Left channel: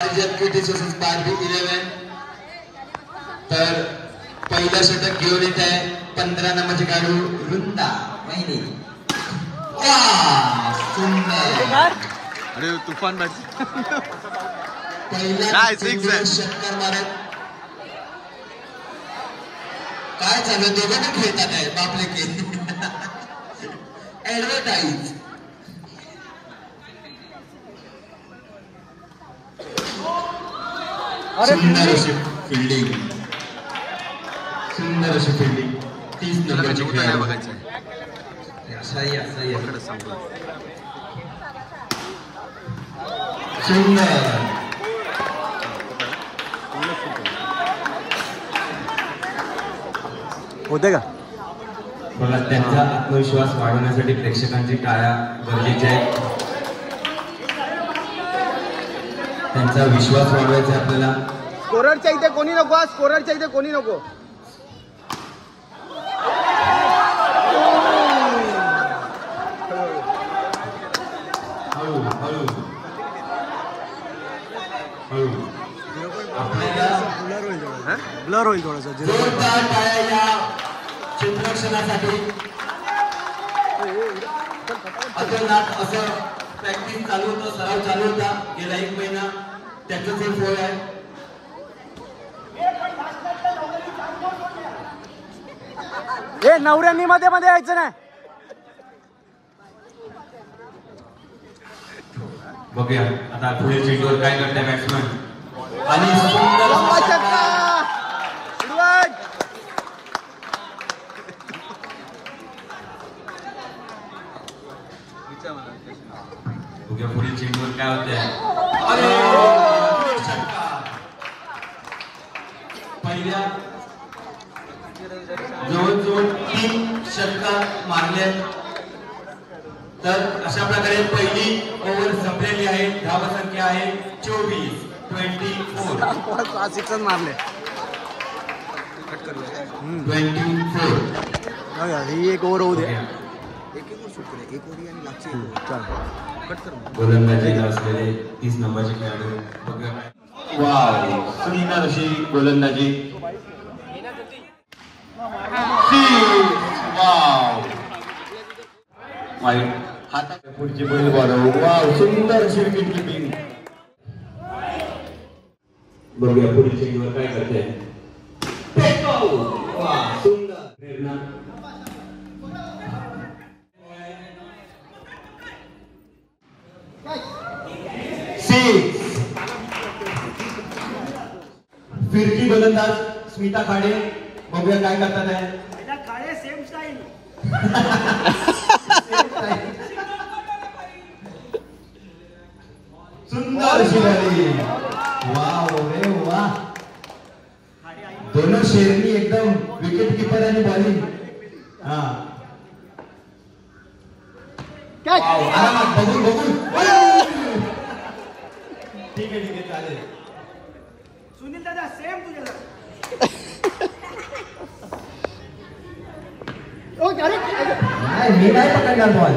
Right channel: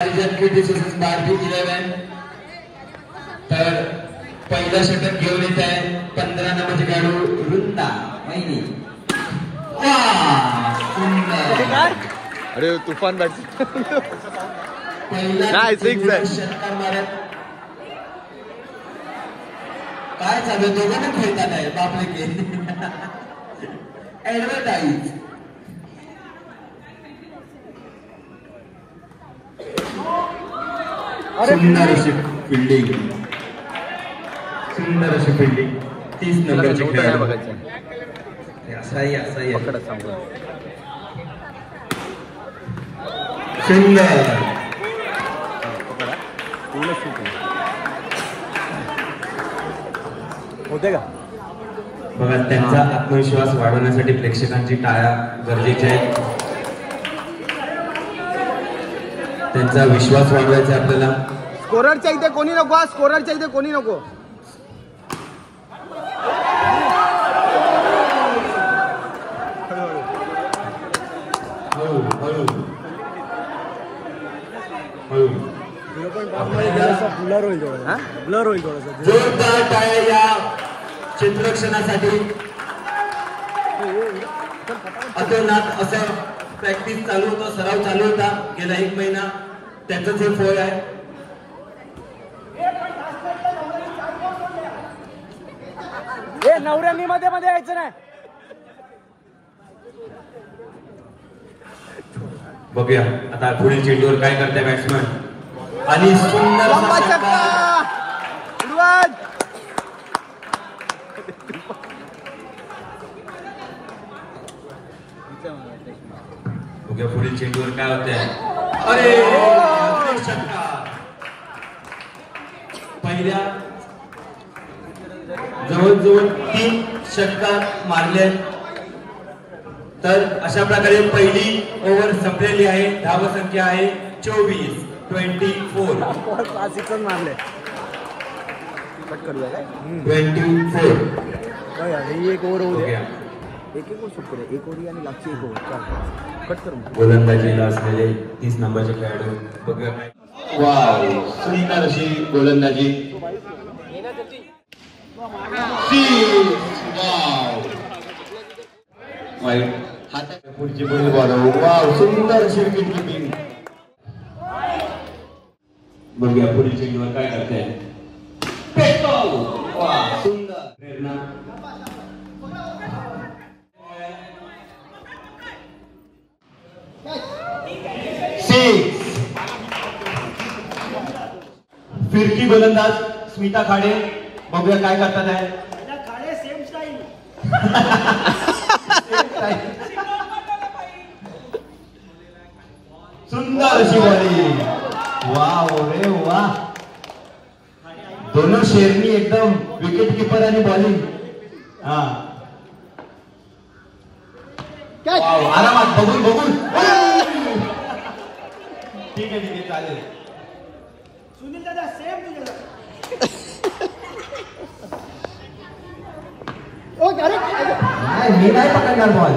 11 तर पहिला षटक घेऊन येत आहे 15 नंबरचे खेळाडू रुंदा महिनी. अरे तुफान बॅट पहिला षटकार मारत काय चालू दोघांना खेळतात आहे बापले के ऍडव्हर्टाईज. सुंदर अशी फिल्डिंग 30 नंबरचे खेळाडू बघायचं असाही पकडा सांगू सुंदर होते का. बघा त्यांचा आत्मविश्वास वाढवण्यासाठी प्रेक्षकांची टाळ्या गरजेच्या आहेत. त्यांचा विश्वास वाढवायचा आपल्याला. स्कोररच्या इथे कोणी नको, स्कोररच्या इथे कोणी नको. ब्लर होईल थोडं, ब्लर होईल थोडंसं. जोरदार टाळ्या या क्षेत्ररक्षणासाठी. अतोनात असं प्रॅक्टिस चालू होतं, सराव चालू होता गेला 1 महिना. त्याचंच हे फळ आहे. हे नवऱ्यांनी मध्ये मध्ये यायचं नाही. बघूया आता पुढील चेंडूवर काय करताय बॅट्समन. आणि सुंदर असा षटकार. बघूया पुढील चेंडूवर काय होतंय. अरे अजून एक षटकार. पहिल्या जवळजवळ 3 षटकार मारले. तर अशा प्रकारे पहिली ओव्हर संपलेली आहे. धावसंख्या आहे 24. मारले कट करूया काय 24. ही एक ओव्हर होऊ द्या. एक ओव्हर शूट करूया. एक ओव्हर आणि लागची एक ओव्हर कट कर. गोलंदाजीला असलेले 30 नंबरचे खेळाडू बघूया काय. वाव सुंदर अशी गोलंदाजी. वाव वाईट हातात पुढची पहिली बॉल. वाव सुंदर अशी विकेट किपिंग. बघूया पुढील चेंडूवर काय करते. सुंदर प्रेरणा. फिरकी गोलंदाज स्मिता खाडे. बघूया काय करतात आहे. Khade same style. सुंदर अशी बॉलिंग. वाव रे वा. दोनों शेरनी एकदम विकेट कीपर आणि बॉलिंग. हा आरामात बघून ठीक आहे चालेल. सुनील दादा सेम तुझ्या. मी नाही पकडणार बॉल.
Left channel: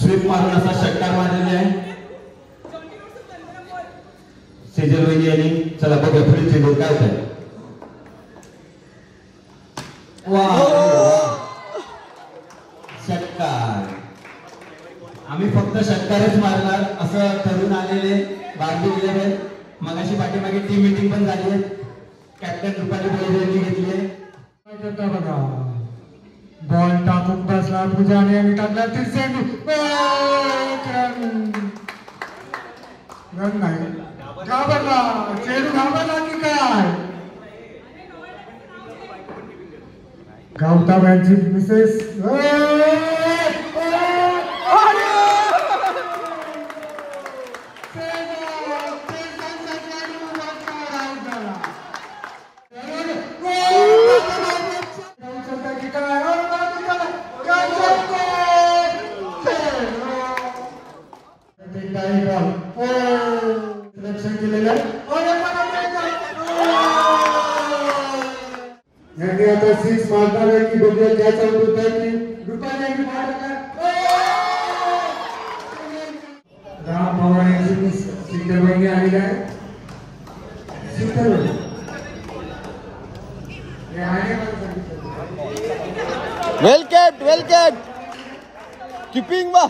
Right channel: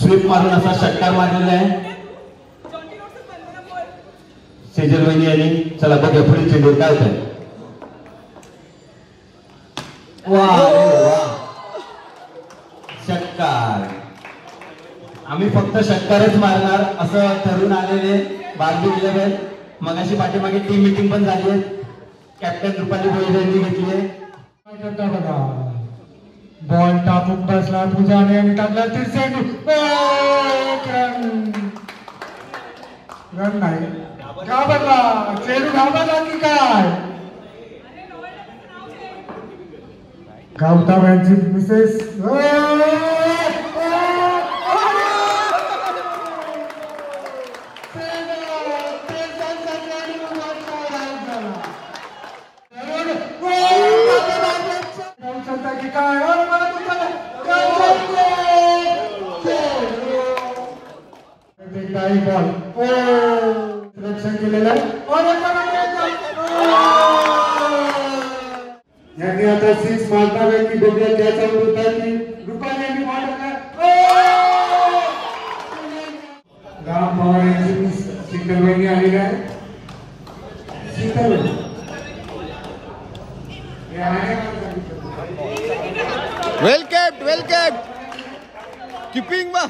स्वीप मारून असा षटकार मारलेला आहे सेजल वहिनी यांनी. चला बघूया पुढील चेंडू काय होत आहे. षटकार. आम्ही फक्त षटकारच मारणार असं ठरवून आलेले बार्बी 11. मगाशी पाठीमागे टीम मीटिंग पण झाली आहे. कॅप्टन रुपाली भोईर यांनी घेतली आहे. बघा बॉल टाकून बसला पूजाने आणि टाकला रन नाही. घाबरला चेंडू. घाबरला की काय. गावता बँची मिसेस. बॉल रक्षण केलेलं आहे. यांनी आता 6 मारणार आहे की बघूया त्याचा होत आहे की रुपाली यांनी मारला राम पवार यांची सिग्नल वहिनी आलेली आहे सिग्नल हे आहे वेल केप्ट कीपिंग बा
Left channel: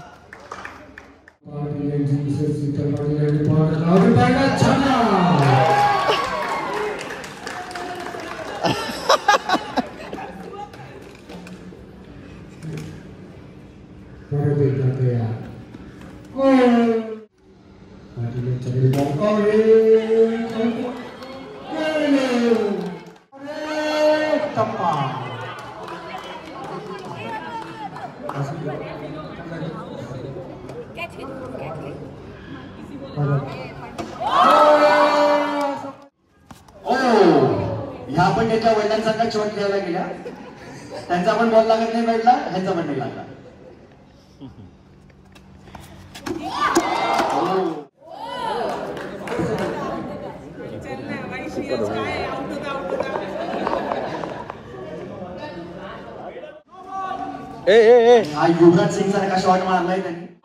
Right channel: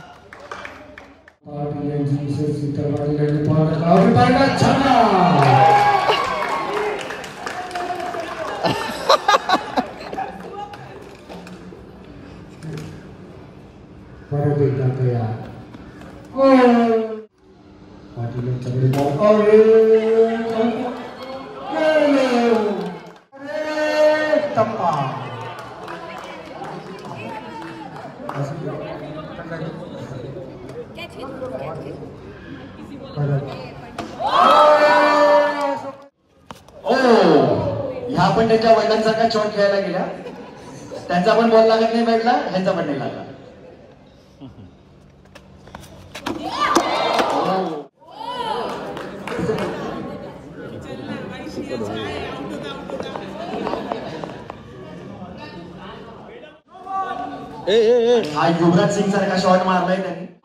ह्या पण त्यांच्या वडिलांसारखा शॉट खेळायला गेल्या त्यांचा पण बॉल लागत नाही भेटला ह्यांचा पण नाही लागला हा युवराज सिंग सारखा शॉट मारलाय त्यांनी